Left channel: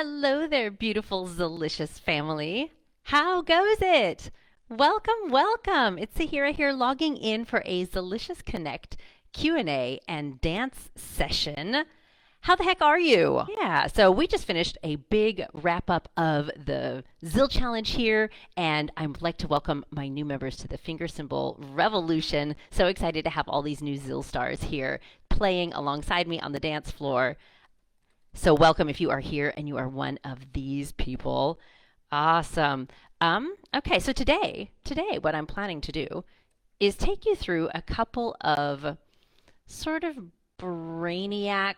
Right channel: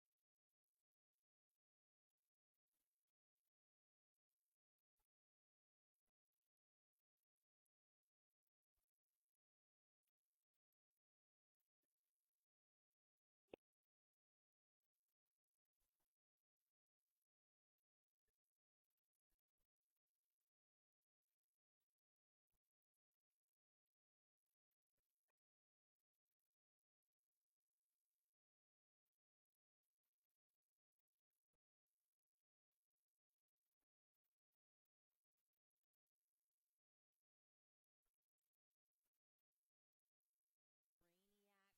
Hello there, beautiful, delicious family. How goes it? Welcome, welcome. It's Sahira here logging in for a Delicious Connect Q&A and dance session. How the heck are you? Yeah, so we just finished a big wrap up of the Zill Challenge here, and I'd like to welcome my new members to the Finger Cymbal Revolution. So excited to have all these new Zill stars here playing alongside me on the dance floor. So welcome if you are here and you are one of these people. Awesome. Okay, so today what I'm planning to do is take you through a couple of sort of brainiac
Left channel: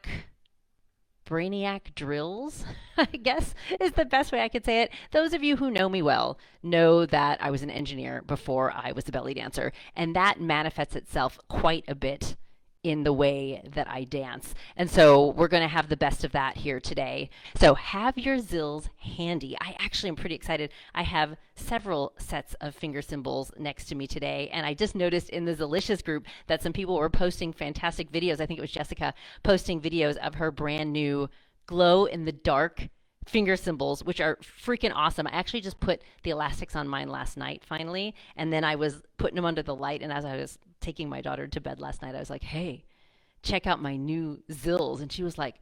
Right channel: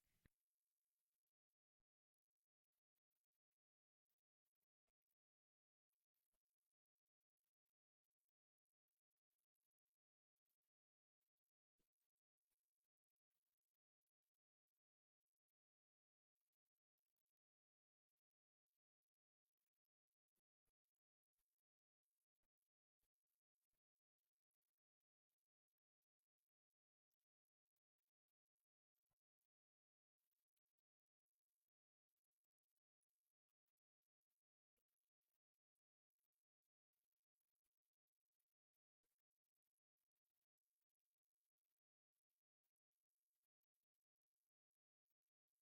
brainiac drills, I guess is the best way I could say it. Those of you who know me well know that I was an engineer before I was a belly dancer, and that manifests itself quite a bit in the way that I dance. And so we're going to have the best of that here today. So have your zills handy. I actually am pretty excited. I have several sets of finger cymbals next to me today, and I just noticed in the Zilicious group that some people were posting fantastic videos. I think it was Jessica posting videos of her brand new glow in the dark finger cymbals, which are freaking awesome. I actually just put the elastics on mine last night finally, and then I was putting them under the light, and as I was taking my daughter to bed last night, I was like, hey, check out my new zills. And she was like,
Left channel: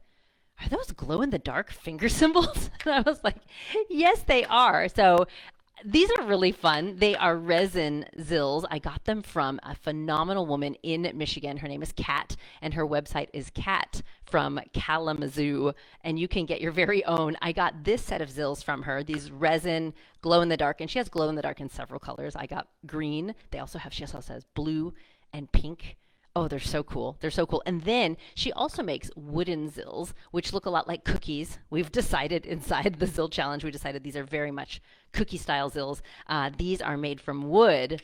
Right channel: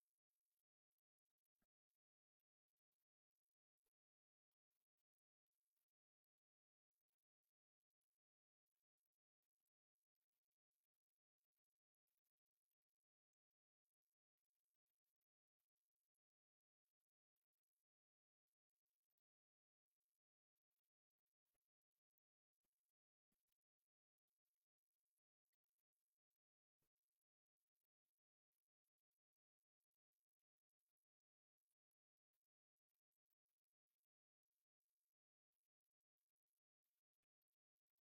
are those glow in the dark finger cymbals? And I was like, yes, they are. So these are really fun. They are resin zills. I got them from a phenomenal woman in Michigan. Her name is Kat, and her website is Kat from Kalamazoo, and you can get your very own. I got this set of zills from her, these resin glow in the dark, and she has glow in the dark in several colors. I got green. She also has blue and pink. Oh, they're so cool. They're so cool. And then she also makes wooden zills, which look a lot like cookies. We've decided inside the Zill Challenge, we decided these are very much cookie style zills. These are made from wood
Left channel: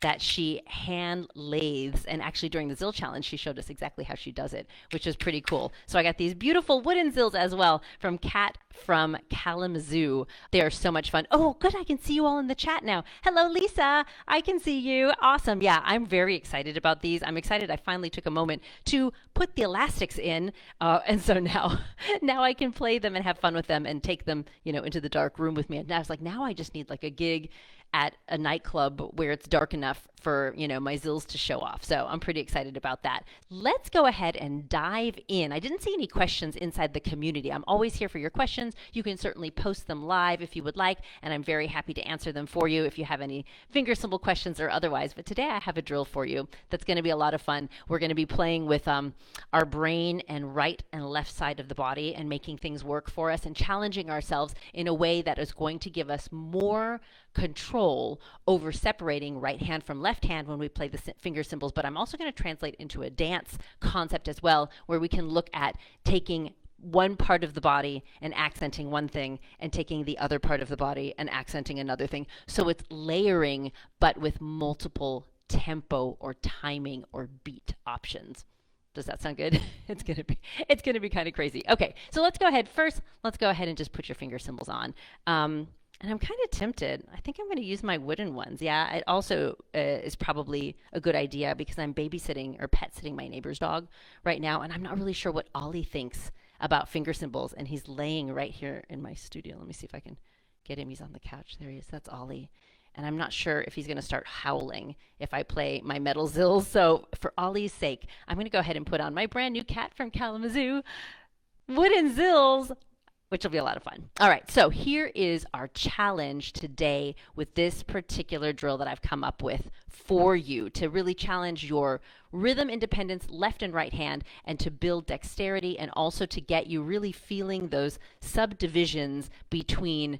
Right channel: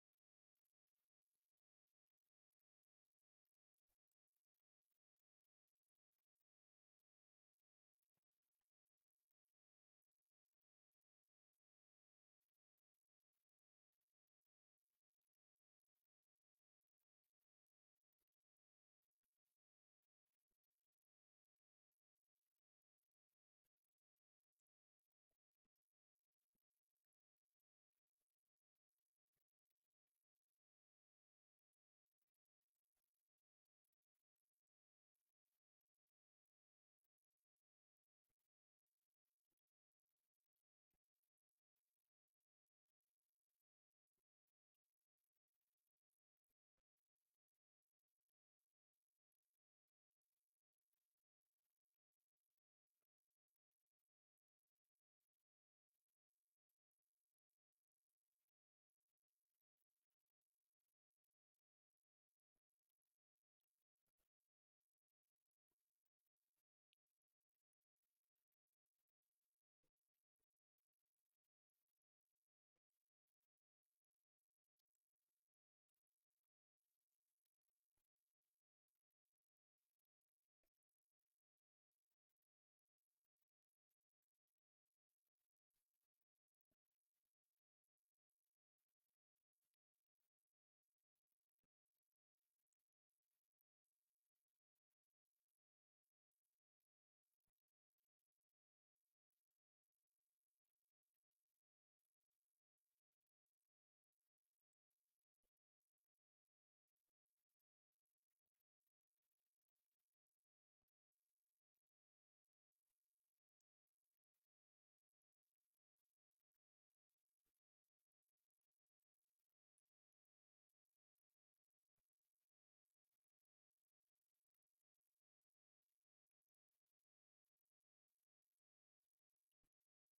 that she hand lathes. And actually, during the Zill Challenge, she showed us exactly how she does it, which is pretty cool. So I got these beautiful wooden zills as well from Kat from Kalamazoo. They are so much fun. Oh, good. I can see you all in the chat now. Hello, Lisa. I can see you. Awesome. Yeah, I'm very excited about these. I'm excited I finally took a moment to put the elastics in. And so now I can play them and have fun with them and take them, into the dark room with me. And I was like, now I just need like a gig at a nightclub where it's dark enough for, my zills to show off. So I'm pretty excited about that. Let's go ahead and dive in. I didn't see any questions inside the community. I'm always here for your questions. You can certainly post them live if you would like, and I'm very happy to answer them for you if you have any finger cymbal questions or otherwise. But today I have a drill for you that's going to be a lot of fun. We're going to be playing with our brain and right and left side of the body and making things work for us and challenging ourselves in a way that is going to give us more control over separating right hand from left hand when we play the finger cymbals. But I'm also going to translate into a dance concept as well, where we can look at taking one part of the body and accenting one thing and taking the other part of the body and accenting another thing. So it's layering, but with multiple tempo or timing or beat options. Does that sound good? It's gonna be kind of crazy. Okay, so let's go ahead. First, let's go ahead and just put your finger cymbals on. And I'm kind of tempted. I think I'm going to use my wooden ones. Yeah, it also is probably a good idea because I'm babysitting or pet sitting my neighbor's dog right now, and I'm not really sure what Ollie thinks about finger cymbals, and he's laying right here in my studio. Let me see if I can get him. He's on the couch. There he is. That's Ollie. And I'm not sure if he's going to start howling if I play my metal zills. So for Ollie's sake, I'm going to go ahead and put on my brand new Cat from Kalamazoo wooden zills, which will be a lot of fun. All right, so here is our challenge today with this particular drill that I've come up with for you to really challenge your rhythm independence, left and right hand, and to build dexterity, and also to get you really feeling those subdivisions between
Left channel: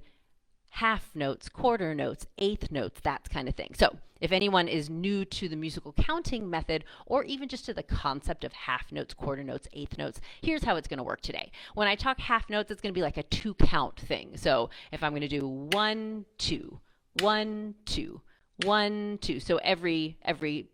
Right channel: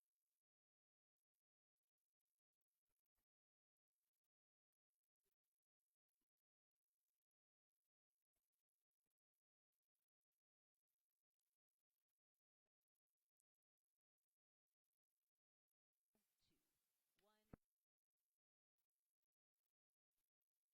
half notes, quarter notes, eighth notes, that kind of thing. So if anyone is new to the musical counting method, or even just to the concept of half notes, quarter notes, eighth notes, here's how it's going to work today. When I talk half notes, it's going to be like a 2-count thing. So if I'm going to do 1, 2, 1, 2, 1, 2. So every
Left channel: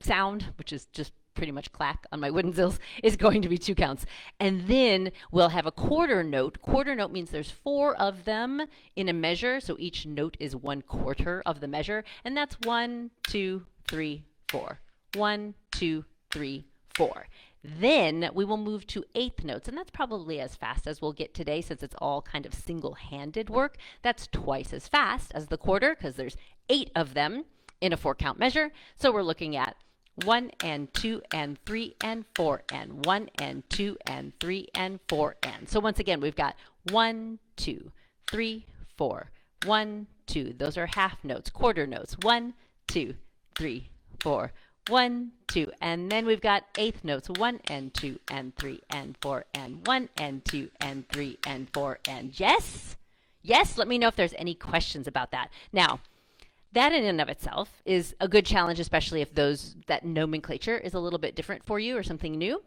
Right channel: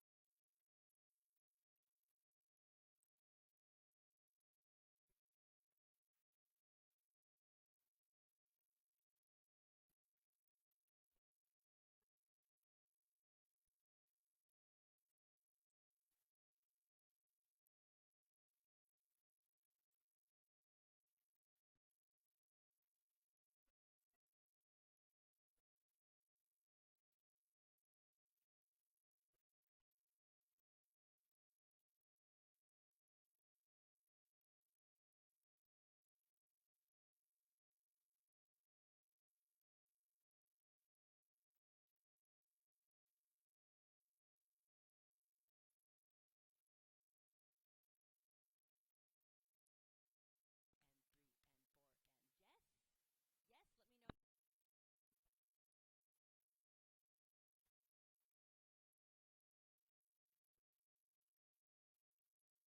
sound, which is just pretty much clack on my wooden zills, is going to be 2 counts. And then we'll have a quarter note. Quarter note means there's 4 of them in a measure, so each note is 1/4 of the measure, and that's 1, 2, 3, 4. 1, 2, 3, 4. Then we will move to eighth notes, and that's probably as fast as we'll get today since it's all kind of single-handed work. That's twice as fast as the quarter because there's 8 of them in a 4-count measure. So we're looking at 1 and 2 and 3 and 4 and 1 and 2 and 3 and 4 and. So once again, we've got 1, 2, 3, 4, 1, 2. Those are half notes, quarter notes. 1, 2, 3, 4, 1, 2. And then we've got eighth notes. 1 and 2 and 3 and 4 and 1 and 2 and 3 and 4 and. Yes? Yes, let me know if there's any questions about that. Now, that in and of itself is a good challenge, especially if that nomenclature is a little bit different for you or something new.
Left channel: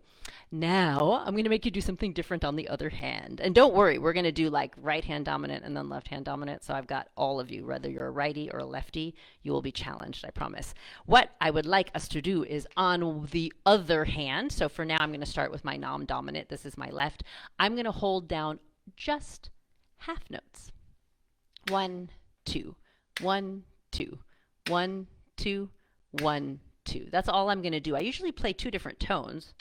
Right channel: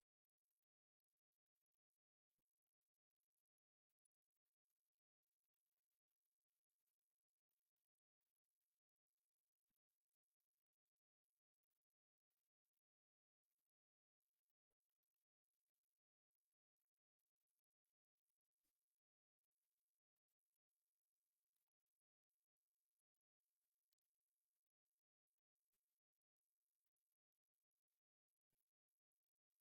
Now, I'm going to make you do something different on the other hand. And don't worry, we're going to do like right hand dominant and then left hand dominant. So I've got all of you, whether you're a righty or a lefty, you will be challenged, I promise. What I would like us to do is on the other hand. So for now, I'm going to start with my non-dominant. This is my left. I'm going to hold down just half notes. 1, 2, 1, 2, 1, 2, 1, 2. That's all I'm going to do. I usually play 2 different tones.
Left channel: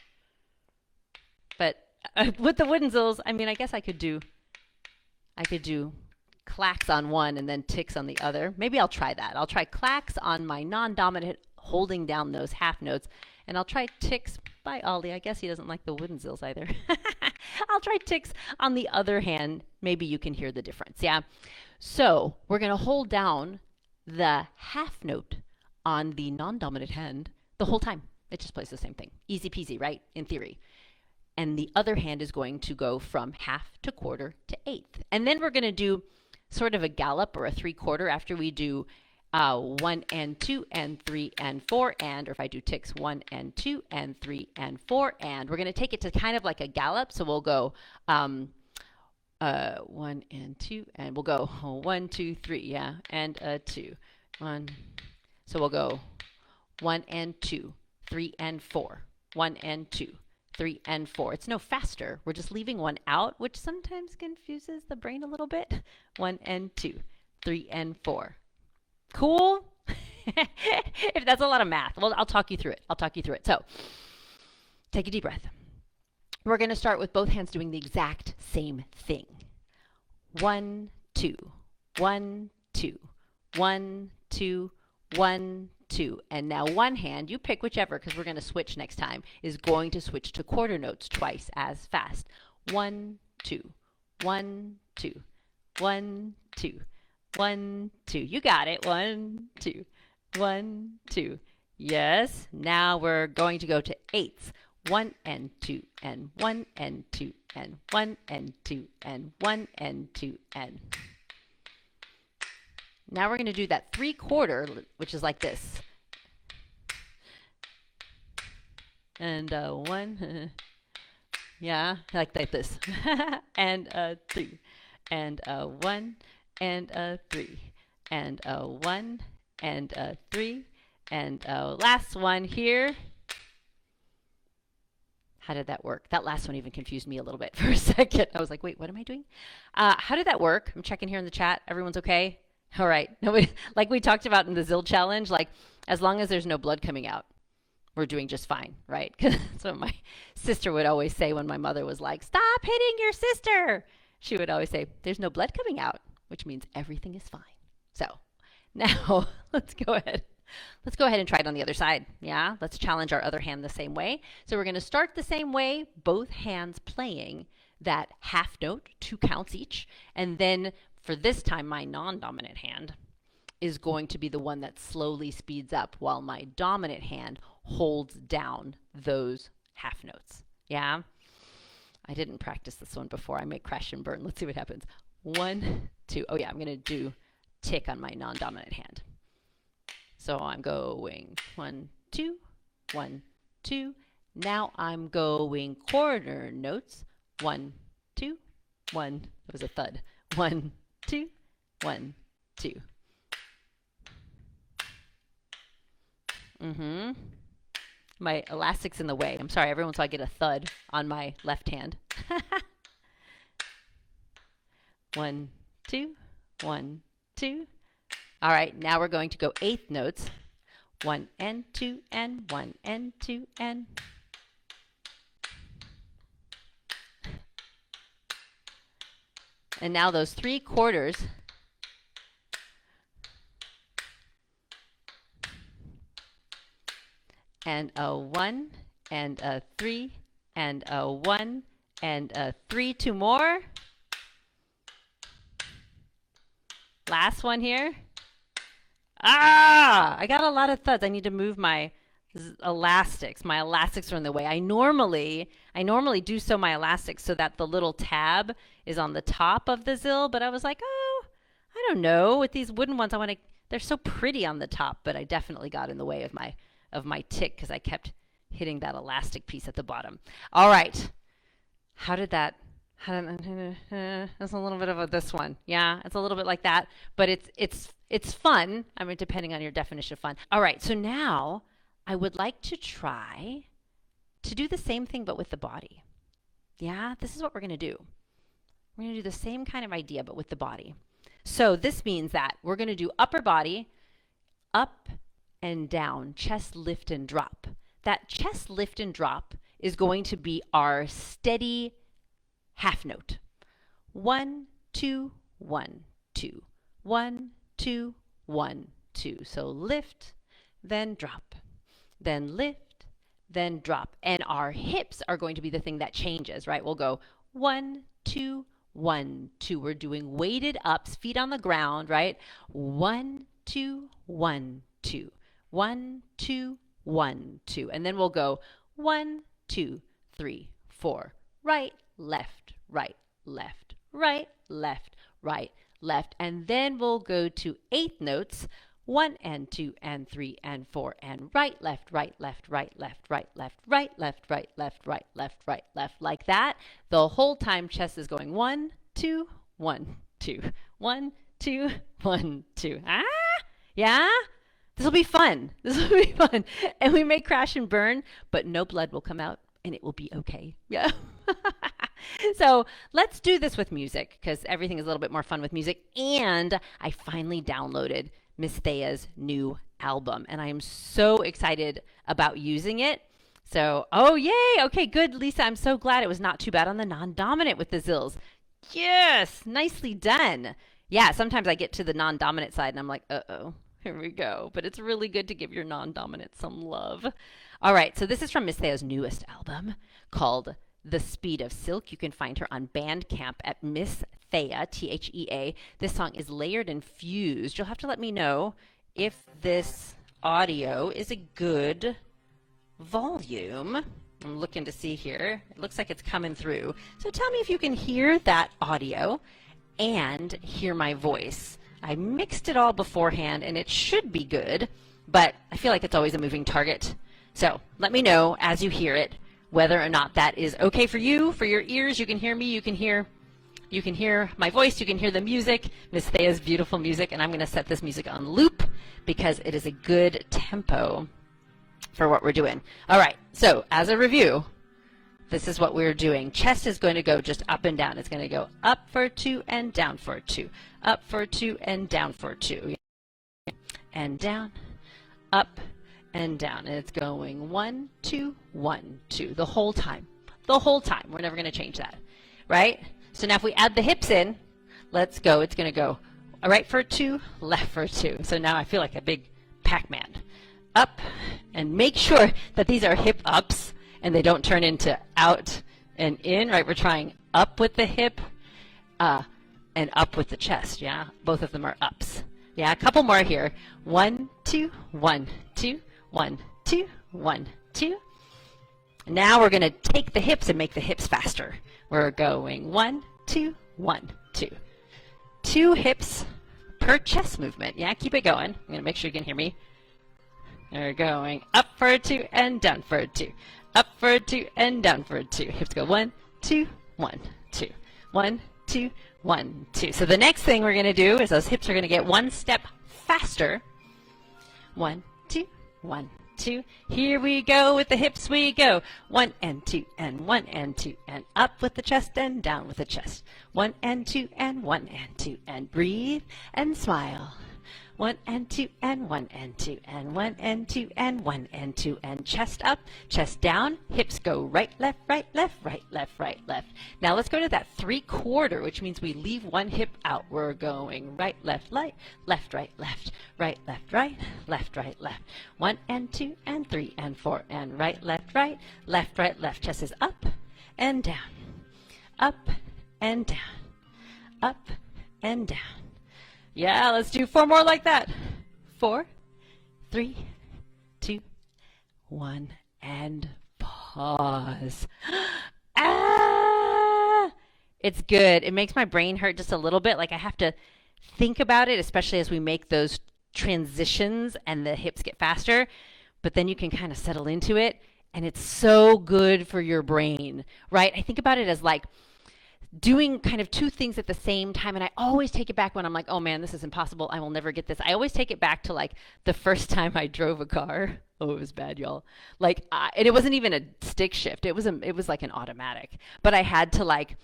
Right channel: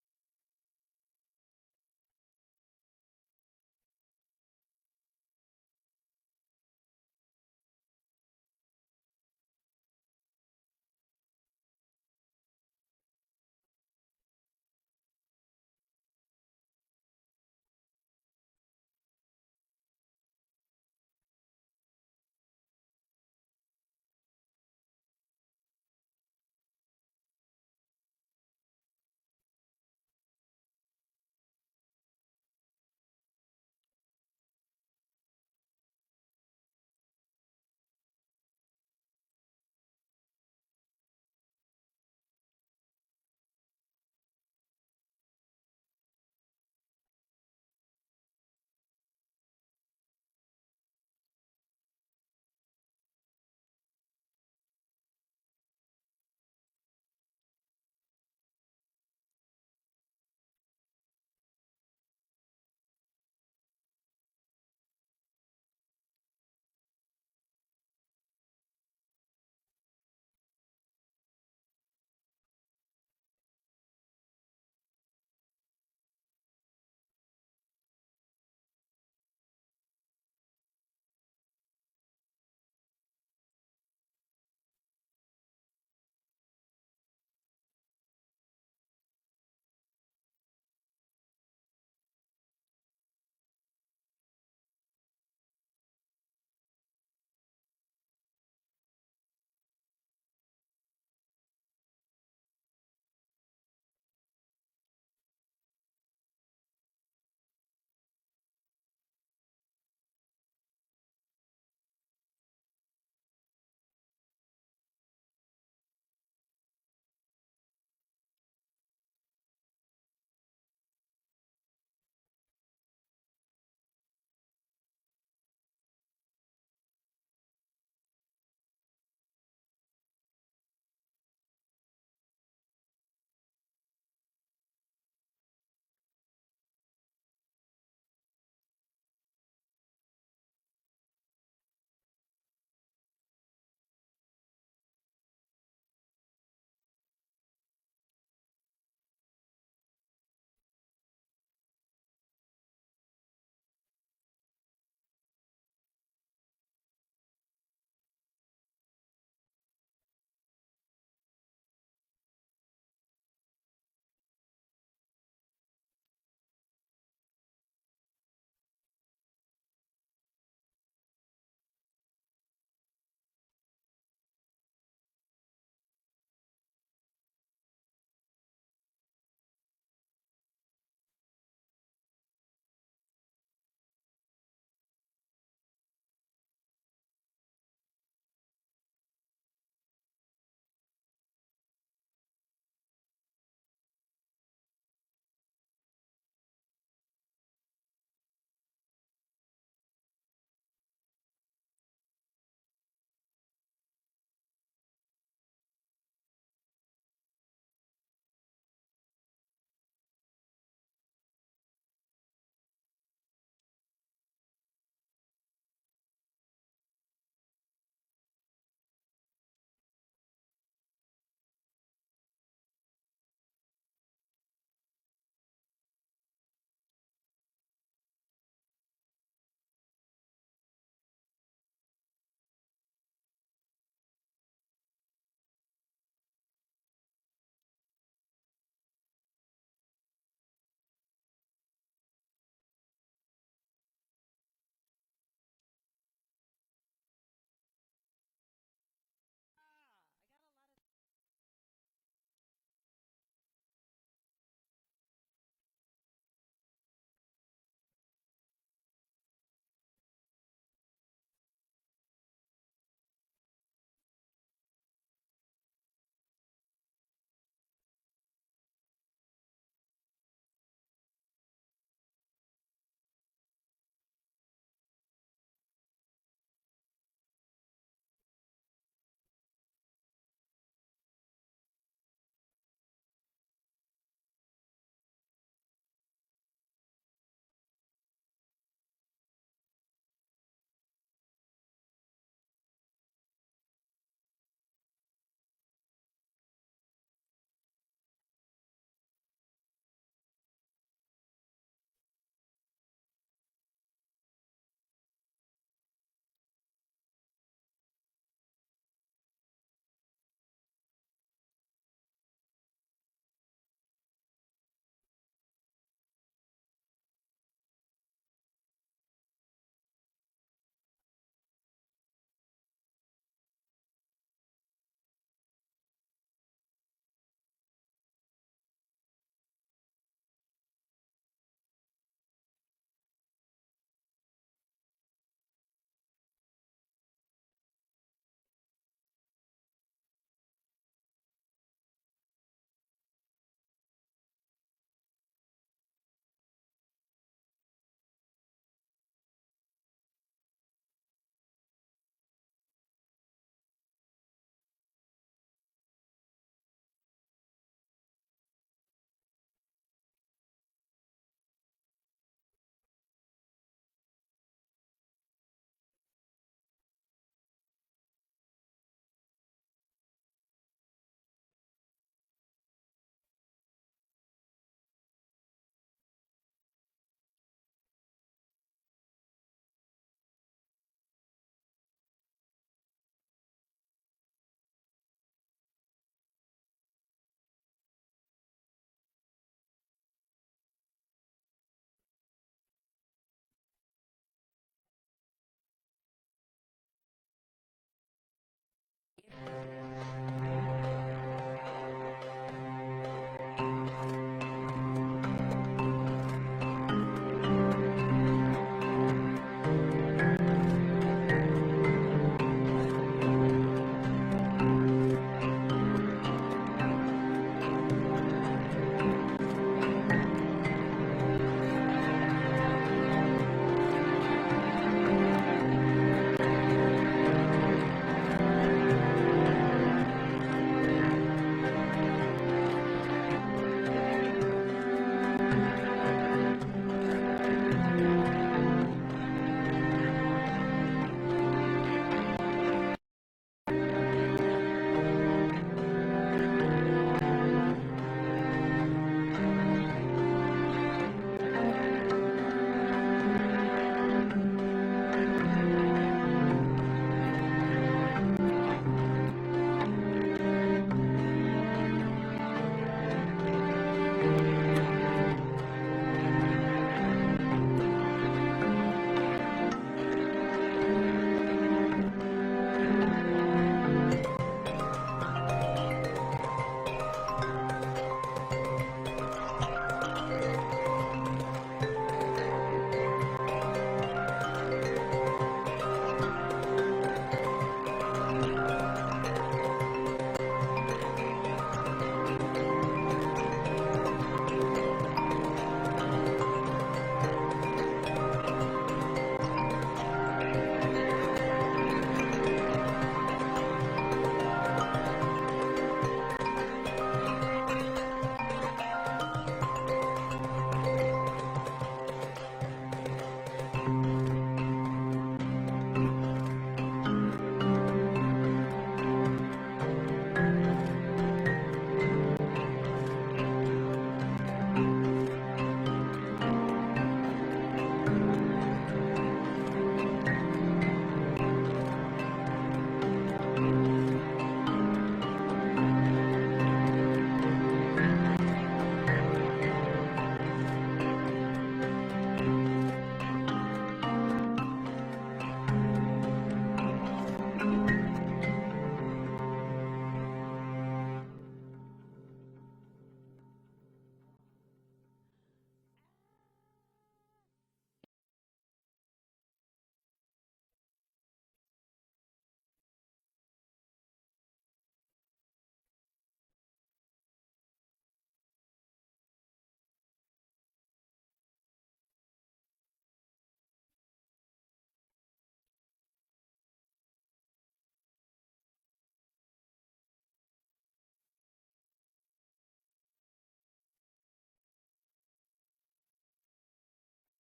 But with the wooden zills, I mean, I guess I could do clacks on one and then ticks on the other. Maybe I'll try that. I'll try clacks on my non-dominant, holding down those half notes, and I'll try ticks by Ollie. I guess he doesn't like the wooden zills either. I'll try ticks on the other hand. Maybe you can hear the difference, yeah? So we're going to hold down the half note on the non-dominant hand the whole time. It just plays the same thing. Easy peasy, right? In theory. And the other hand is going to go from half to quarter to eighth. And then we're going to do sort of a gallop or a 3/4 after we do 1 and 2 and 3 and 4 and, or if I do ticks, 1 and 2 and 3 and 4 and. We're going to take it to kind of like a gallop. So we'll go 1 and 2 and we'll go 1, 2, 3, yeah, and 2. 1. So we'll go 1 and 2, 3 and 4, 1 and 2. 3 and 4. It's no faster. We're just leaving one out, which sometimes confuses the brain a little bit. 1 and 2, 3 and 4. Cool? If that's a lot of math, well, I'll talk you through it. So, take a deep breath. We're going to start with both hands doing the exact same thing. 1, 2, 1, 2, 1, 2, 1, 2. And now one hand, you pick whichever because we're going to switch next time, is going to switch to quarter notes twice as fast. 1, 2, 1, 2, 1, 2, 1, 2. You got it. 1, 2, 1, 2. Yes. Now we're going to go to eighths. 1 and 2 and 1 and 2 and 1 and 2 and 1 and 2 and. Now we're going to do that 3/4, which is like this. And 1, yeah, like this. And 3, and 1, and 3, and 1, and 3, and last one here. How did that work? That last one even confused me a little bit for a second. I was like, wait, what am I doing? How did that work? I'm checking here in the chat. Everyone's okay? All right. Nobody, like we talked about in the Zill challenge, like as long as there's no blood coming out, we're doing just fine, right? Because that's what my sister would always say when my mother was like, stop hitting your sister. She would always say, there's no blood coming out, which means everything is fine. So now let's go ahead. Let's go ahead and try it on the other side. Yeah, let's challenge our other hand the same way. So we're going to start the same way, both hands playing that half note, 2 counts each, and then for this time, my non-dominant hand is going to be the one that slowly speeds up while my dominant hand holds down those half notes. Yeah? I didn't practice this one before. I may crash and burn. Let's see what happens. 1, 2. Oh, yeah, I'm going to do tick on my non-dominant hand. So I'm going 1, 2, 1, 2. Now I'm going quarter notes. 1, 2, 1. That was a thud. 1, 2, 1, 2. My elastic's in the way. I'm sorry, everyone, so I get a thud on my left hand. 1, 2, 1, 2. All right, now we're going to go eighth notes. 1 and 2 and 1 and 2 and. And now those 3/4 and a 1 and a 3 and a 1 and a 3. 2 more. Last one here. Ah, I got a lot of thuds. I need to move my elastics. My elastics are in the way. I normally do sew my elastics so that the little tab is on the top of the zill, but I was like, oh, I don't know. With these wooden ones, they're so pretty on the top, but I definitely got in the way of my tick because I kept hitting that elastic piece at the bottom. All right. It's a little bit of this one. Yeah, it's a little bit like that, but it's fun. I mean, depending on your definition of fun. All right, so now I would like to try to do the same thing but with the body. Yeah, this is what we're going to do. We're going to do the same kind of idea but with the body. So this means that we're going to do upper body, up and down, chest lift and drop. That chest lift and drop is going to be our steady half note. 1, 2, 1, 2. 1, 2, 1, 2. So lift, then drop, then lift, then drop. And our hips are going to be the thing that changes, right? We'll go 1, 2, 1, 2. We're doing weighted ups, feet on the ground, right? 1, 2, 1, 2. 1, 2, 1, 2. And then we'll go 1, 2, 3, 4. Right, left, right, left, right, left, right, left. And then we'll go to 8th notes. 1 and 2 and 3 and 4 and right, left, right, left, right, left, right, left, right, left, right, left, right, left, right, left, like that. The whole time chest is going 1, 2, 1, 2, 1, 2, 1, 2. Ah, yeah? This will be fun. This will be fun. And we may crash and burn, but no blood will come out and it will be okay. Yeah. So let's do this with music because everything is a little bit more fun with music. And I finally downloaded Miss Thea's new album and I am so excited about using it. So, oh yay, okay, good, Lisa. I'm so glad it was not too bad on the non-dominant with the zills. Yes, nicely done. Yeah, sometimes I get to the non-dominant side and I'm like, uh-oh, here we go. But it's really good to give your non-dominant some love. All right, so this is from Miss Thea's newest album called The Speed of Silk. You can find her on Bandcamp at Miss Thea, Thea. This song is layered and fused. You'll have to let me know if this audio is a good volume. I'm looking to see here. Looks like it's coming through. So tell me if you can hear that audio and hear my voice. I mixed it all beforehand and it should be good, but I feel like it's always a moving target. So let me know as you hear it whether or not that is okay for you, for your ears. You can hear me, you can hear my voice, you can hear the music. Miss Thea's beautiful music, and I'm going to set this music on loop because it is a good tempo for what we're doing. All right, so as a review, this is what we're doing. Chest is going to go just up and down. It's going to go up for 2 and down for 2. Up for 2 and down for 2. And down, up and down. And it's going 1, 2, 1, 2 the whole time. The whole time. We're never going to change that, right? So now if we add the hips in, let's go. It's going to go right for 2, left for 2. So now I feel like a big Pac-Man. Up, and make sure that these are hip ups and they don't turn into out and in, right? We're trying up with the hip and up with the chest, yeah? Both of them are ups. Yeah, a couple more here. 1, 2, 1, 2, 1, 2, 1, 2. Now we're going to take the hips and make the hips faster. We're going 1, 2, 1, 2. 2 hips per chest movement. Yeah, keep it going. And make sure you can hear me. We're going up for 2 and down for 2. Up for 2 and down for 2. Hips go 1, 2, 1, 2. 1, 2, 1, 2. So the next thing we're going to do is those hips are going to get one step faster. 1, 2, 1, 2. Here we go with the hips we go. 1 and 2 and 1 and 2 and up with the chest and down with the chest. 1 and 2 and 1 and 2 and Breathe and smile. 1 and 2 and 1 and 2 and 1 and 2 and 1 and 2 and chest up, chest down, hips go right, left, right, left, right, left, right, left. Now let's go to that 3/4, which means we leave one hip out. We're going right, left, right, left, right, left, right, left, right, left, right, left. 1 and 2 and 3 and 4 and right, left, right, left. Chest is up and down, up and down, up and down. Yeah, let's do 4 more like that. 4, 3, 2, 1, and pause. Ah! It's good. It makes my brain hurt just a little bit. Like I have to think about it, especially as we make those transitions and the hips get faster. But then you can kind of settle into it, and it's so good for your brain, right? I think about it as like doing kind of 2 things at the same time, and I always take it back when I'm like, oh man, this is impossible, I will never get this. I always take it back to like the first time I drove a car. Oh, it was bad, y'all. Like and it wasn't even a stick shift, it was like an automatic, but I had to like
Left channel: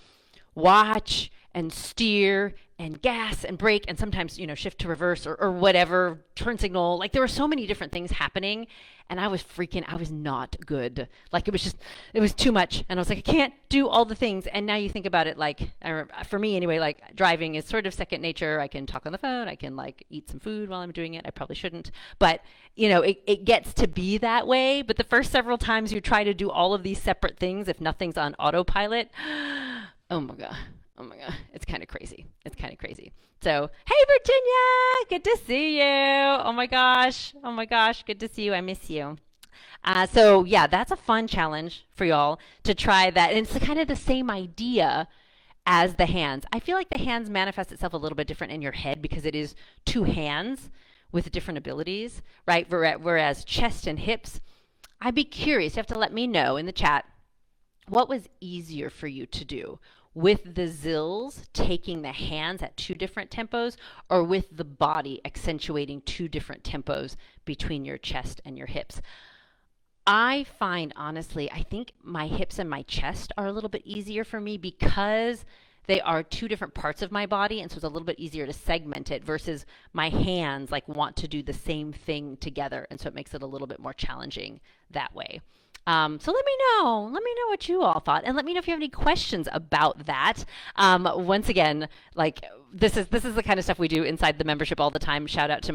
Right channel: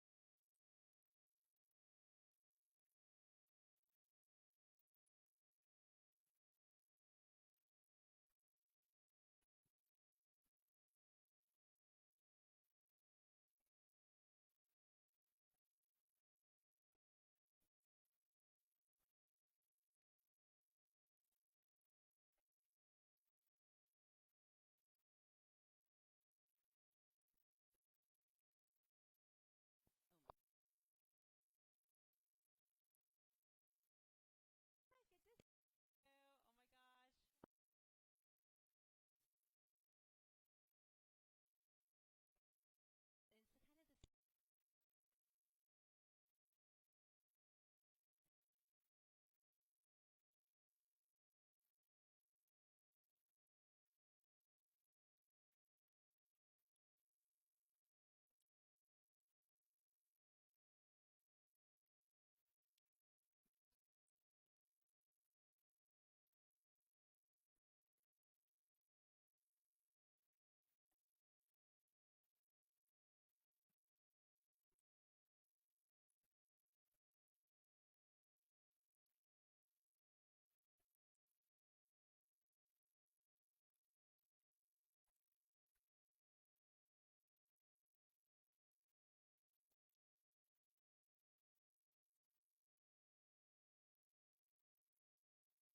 watch and steer and gas and brake and sometimes, you know, shift to reverse or whatever, turn signal. Like there were so many different things happening, and I was not good. Like it was too much, and I was like, I can't do all the things. And now you think about it, like for me anyway, like driving is sort of second nature. I can talk on the phone, I can like eat some food while I'm doing it. I probably shouldn't, but you know, it gets to be that way. But the first several times you try to do all of these separate things, if nothing's on autopilot, oh my god, it's kind of crazy. So, hey Virginia, good to see you. Oh my gosh, good to see you. I miss you. So yeah, that's a fun challenge for y'all to try that. And it's kind of the same idea as the hands. I feel like the hands manifest itself a little bit different in your head because it is 2 hands with different abilities, right? Whereas chest and hips, I'd be curious. You have to let me know in the chat what was easier for you to do, with the zills taking the hands at 2 different tempos, or with the body accentuating 2 different tempos between your chest and your hips. I find, honestly, I think my hips and my chest are a little bit easier for me because they are 2 different parts of my body, and so it's a little bit easier to segment it versus my hands like want to do the same thing together, and so it makes it a little bit more challenging that way. So let me know what you all thought, and let me know if you have any questions about that. Once again, like this is the kind of stuff we do inside the membership all the time. Shout out to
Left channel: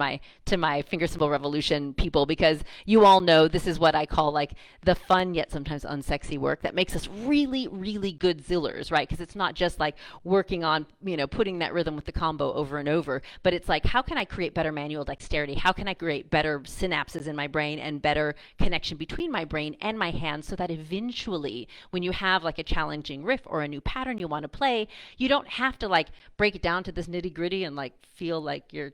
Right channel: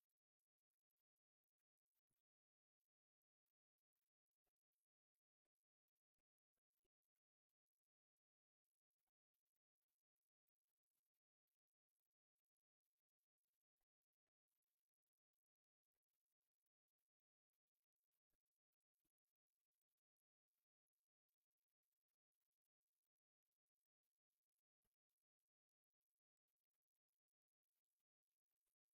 my finger cymbal revolution people, because you all know this is what I call like the fun yet sometimes unsexy work that makes us really, really good zillers, right? Because it's not just like working on, you know, putting that rhythm with the combo over and over, but it's like, how can I create better manual dexterity? How can I create better synapses in my brain and better connection between my brain and my hands, so that eventually when you have like a challenging riff or a new pattern you want to play, you don't have to like break it down to this nitty gritty and like feel like you're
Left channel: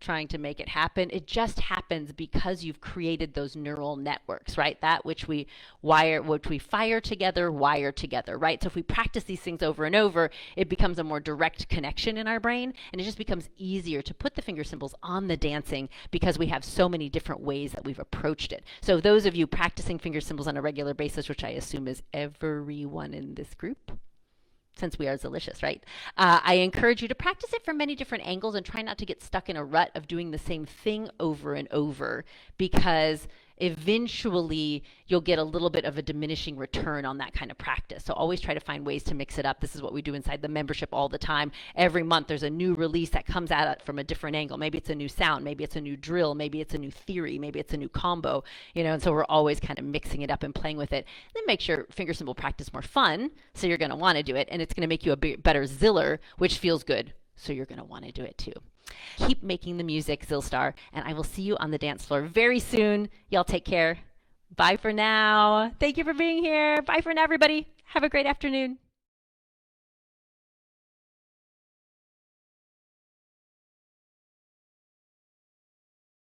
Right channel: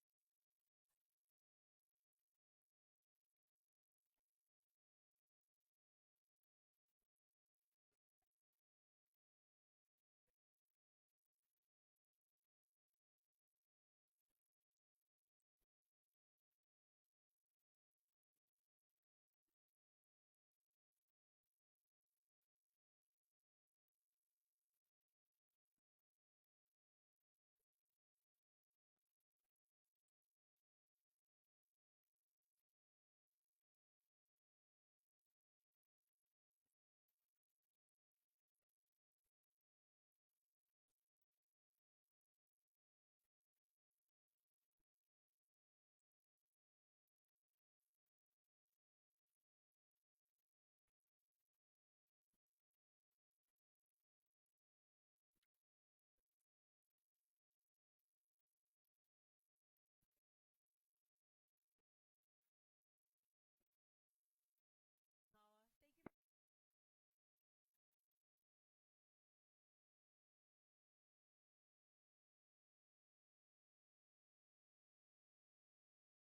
trying to make it happen. It just happens because you've created those neural networks, right? That which we fire together, wire together, right? So if we practice these things over and over, it becomes a more direct connection in our brain, and it just becomes easier to put the finger cymbals on the dancing because we have so many different ways that we've approached it. So those of you practicing finger cymbals on a regular basis, which I assume is everyone in this group, since we are delicious, right? I encourage you to practice it from many different angles and try not to get stuck in a rut of doing the same thing over and over, because eventually you'll get a little bit of a diminishing return on that kind of practice. So always try to find ways to mix it up. This is what we do inside the membership all the time. Every month there's a new release that comes at it from a different angle. Maybe it's a new sound, maybe it's a new drill, maybe it's a new theory, maybe it's a new combo, you know, and so we're always kind of mixing it up and playing with it. Then make sure finger cymbal practice more fun, so you're going to want to do it, and it's going to make you a better ziller, which feels good, so you're going to want to do it too. Keep making the music, Zillstar, and I will see you on the dance floor very soon. Y'all take care. Bye for now. Thank you for being here. Bye for now, everybody. Have a great afternoon.